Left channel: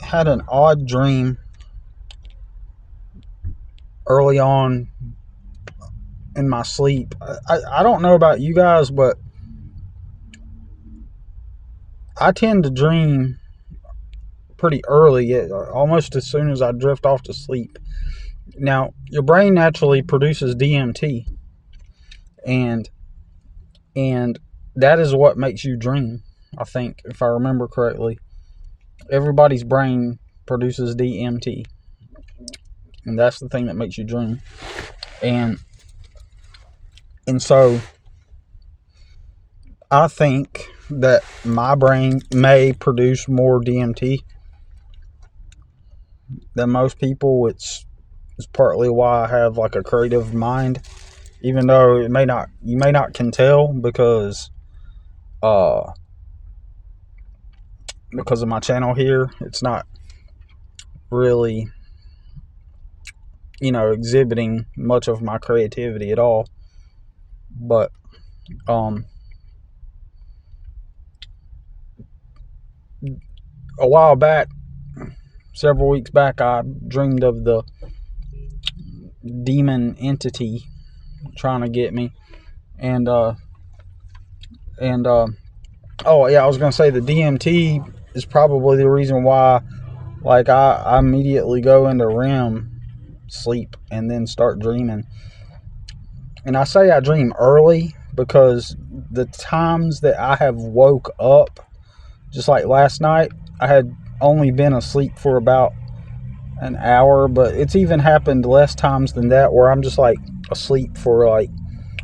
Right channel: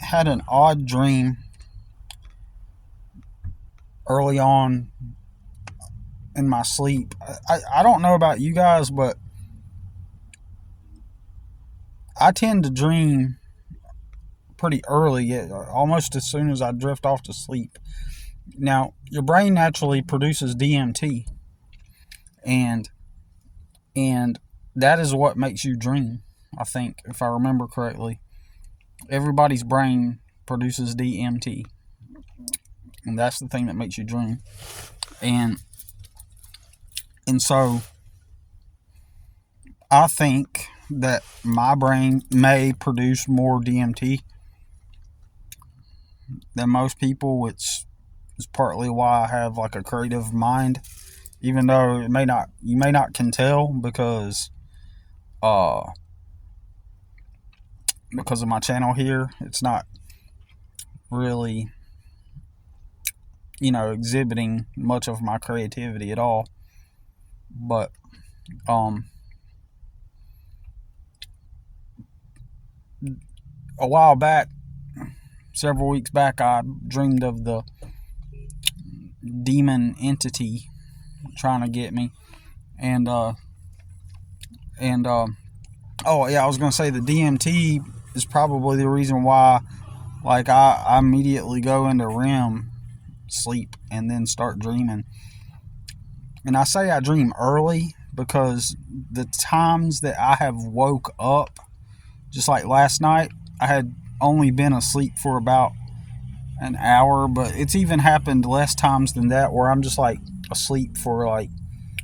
had an odd dream early on in my sleep. I don't know about you guys, but I tend to dream pretty early, almost as soon as I drift off to sleep. Now, your brain naturally produces DMT, and that is what makes you dream. I think, if I remember correctly, everybody's brain produces DMT, and that's the thing that makes you dream. And so I think that my brain may produce more DMT than most people. It's partly why I have like a creative mind, even though you may not can tell because of my channel here. It's not really, exhibiting much of my creativity at all. But a while back, several weeks back, I dreamed of the demon entity trying to get me. And oh yeah, I was gonna say the DMT is probably the reason why, like, I immediately go into REM sleep and then start dreaming. And I say I dream early because the times that I have woke up, just like last night, I had only been asleep for about an hour, but it's even happened less times than that where I'm just like asleep for like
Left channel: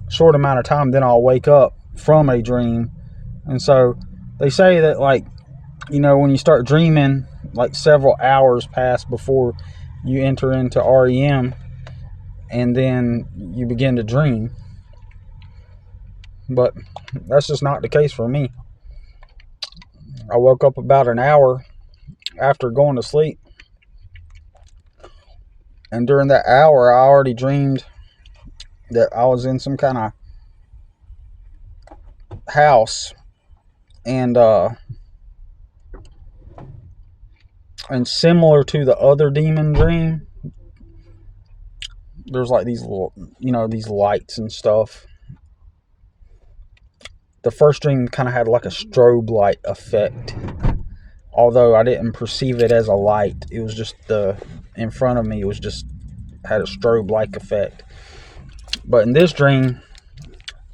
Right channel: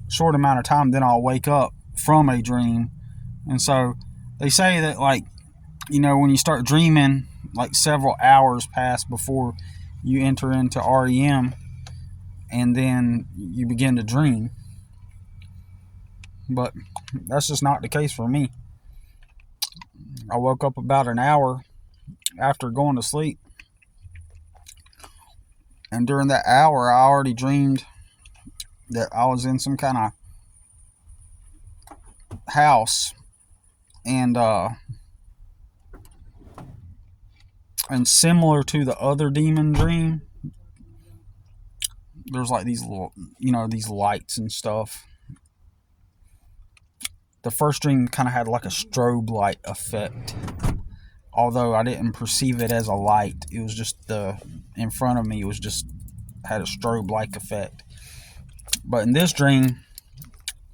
a short amount of time, then I'll wake up from a dream. And so they say that, like, when you start dreaming, like several hours pass before you enter into REM, and then you begin to dream. But that's just not the case for me. I woke up about an hour after going to sleep, and during that hour I already dreamed that I was in some kind of house, and similar to the other demon dream, there's like these little, these lights and stuff. The first dream kind of had like a strobe light effect, although I didn't perceive it as a light. It was just in front of me, it was just had a strobe like effect. But in this dream,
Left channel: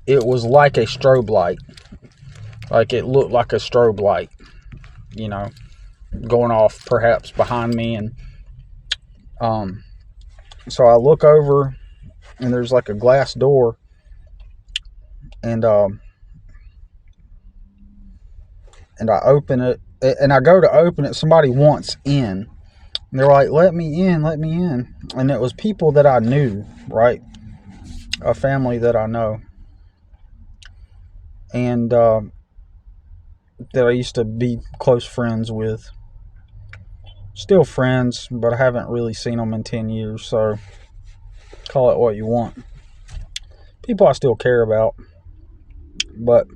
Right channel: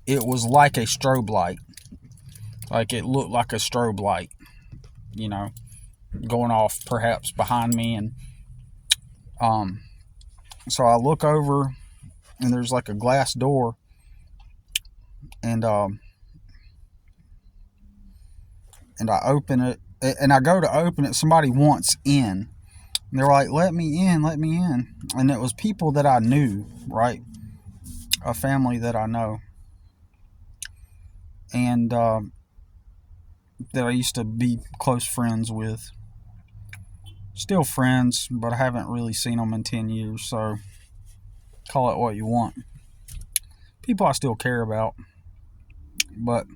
it was like a strobe light. Like, it looked like a strobe light, going off perhaps behind me. And so I look over, and there's like a glass door, and I open it, and I go to open it. Somebody wants in, and they're like, let me in. And it was people that I knew, right? A family that I know, and that I used to be close friends with. Still friends, but I haven't really seen them in 10 years, so call it what you want. People I still care about. But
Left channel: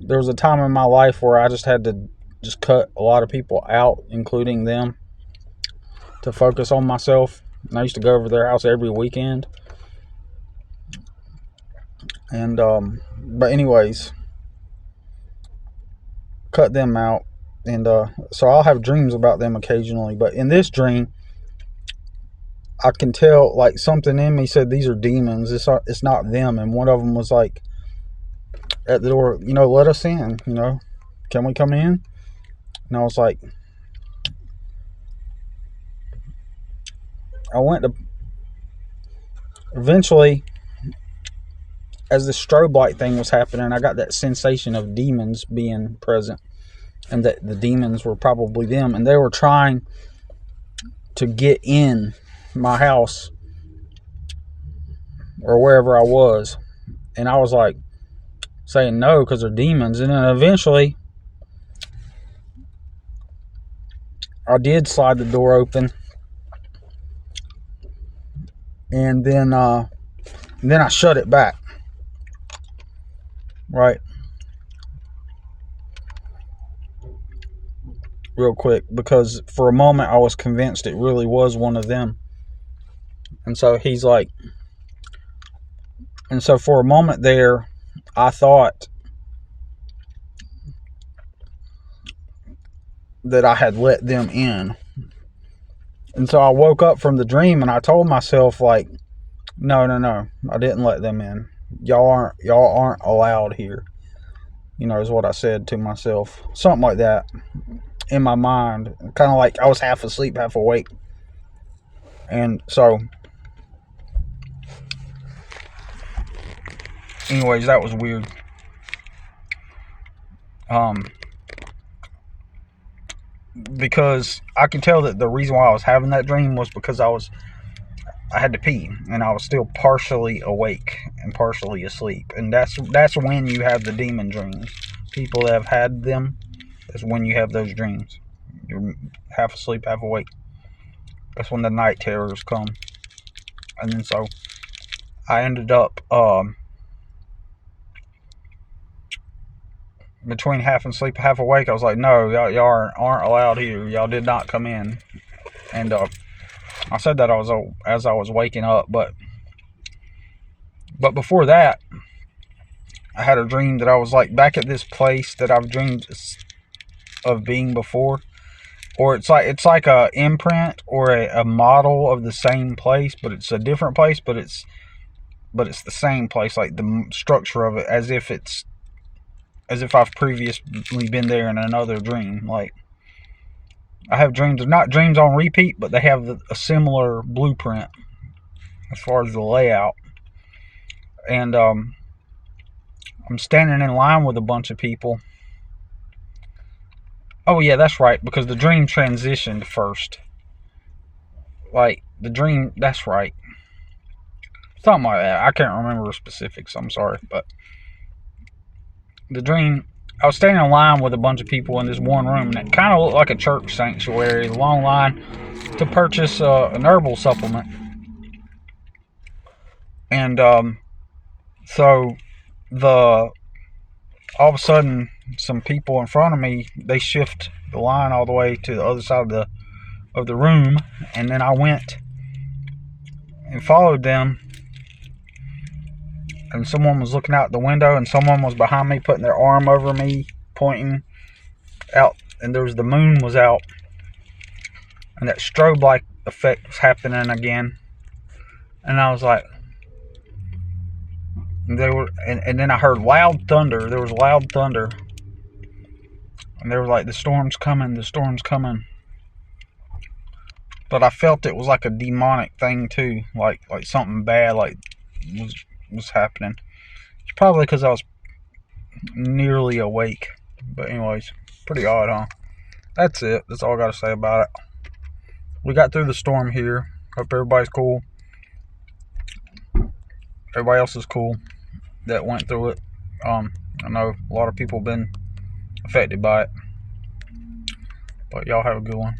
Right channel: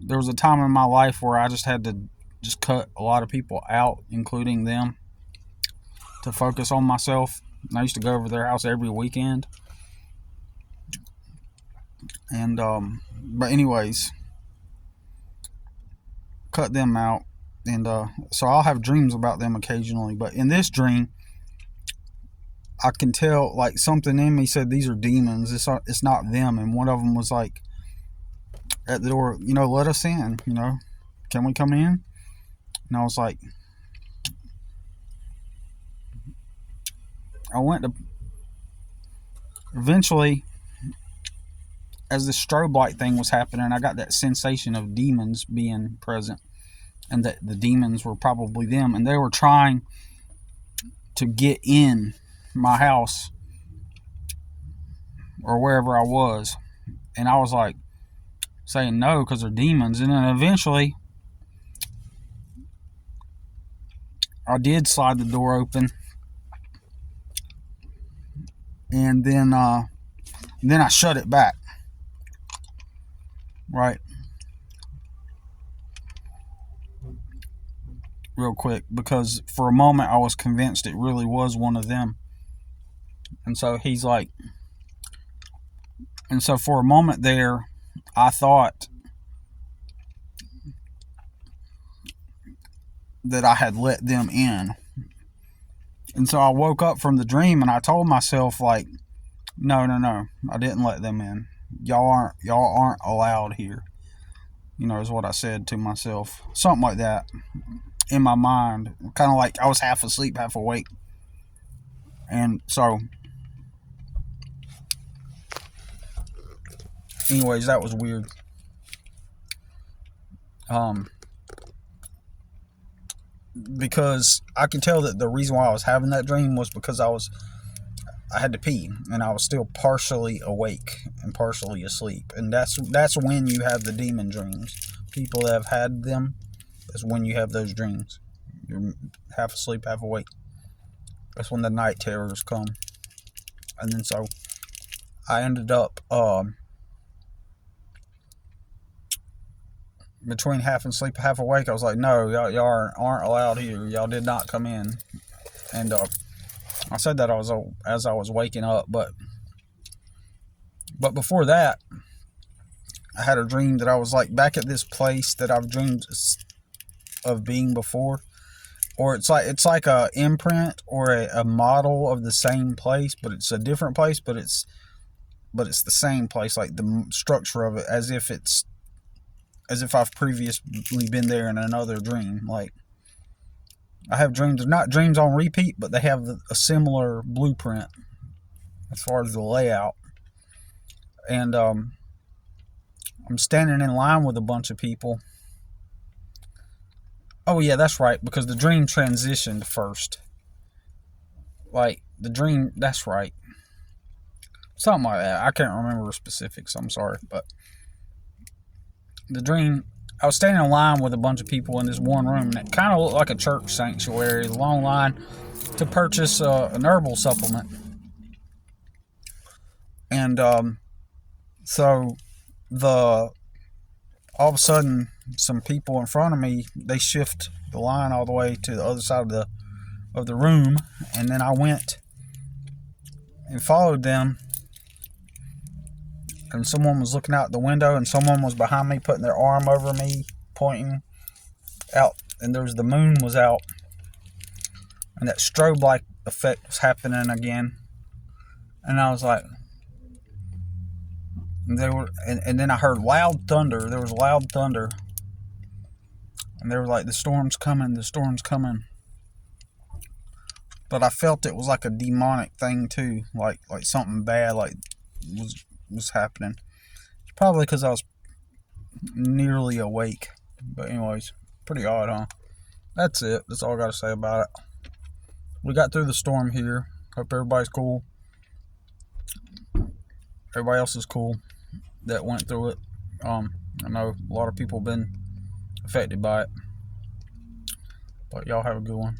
there was a time in my life where I just had to just cut a lot of people out, including them, to focus on myself. And I used to go over their house every weekend. And but anyways, cut them out. And so I'll have dreams about them occasionally. But in this dream, I can tell, like, something in me said these are demons. It's not them. And one of them was like at the door, let us in. Can we come in? And I was like, eventually, as the strobe light thing was happening, I got that sensation of demons being present, and that the demons were probably them, and they were trying to get in my house or wherever I was. And I was like saying no because they're demons. And then eventually I did slide the door open, and then I shut it back, right? real quick, because for a moment I was convinced it really was one of them. And so he's like, and so for a moment there, I thought that I had let them in. And so I woke up from the dream and I told myself, like, no, I didn't let them in. Y'all aren't allowed here. You know, is what I said to myself. Something like that in my mind. Kind of like I was half asleep, half awake. And so, anyways, that was weird. Because I could tell that the reason why I was having that dream was because I had to pee, and I was still partially awake and partially asleep. And that's when you have the demon dreams. People that have had them, that's when you have those dreams. You're half asleep, half awake. That's when the night terrors come. And then so I ended up between half asleep, half awake. I was like, no, y'all aren't allowed here. Y'all did not come in. And I said that as I was waking up, but before that, I had a dream that I was like back at this place that I've dreamed of being before, or it's like a imprint or a model of the same place, but it's a different place, but it's the same place, like the structure of it, as if I've previously been there in another dream. Like, I have dreams, not dreams on repeat, but they have a similar blueprint as far as the layout. And I'm standing in line with a bunch of people. Oh yeah, that's right, because the dream transitioned first. Like, the dream, that's right. Something like that. I can't remember the specifics, I'm sorry. But the dream, I was standing in line with a bunch of people in this one room, and it kind of looked like a church sanctuary, a long line to purchase an herbal supplement. And so all of a sudden, some people in front of me, they shift the line all the way to the other side of the room, and then I went and followed them. And someone was looking out the window, and someone was behind me, putting their arm over me, pointing out. And the moon was out, and that strobe-like effect was happening again. And I was like, and then I heard loud thunder. There was loud thunder, and they were like, the storm's coming. But I felt it was like a demonic thing too, like something bad, like was happening. It's probably because I was nearly awake. But anyways, pretty odd, huh? That's it. That's all I gotta say about it. We got through the storm here. Hope everybody's cool. Everybody else is cool that went through it. I know a lot of people have been affected by it. But y'all have a good one.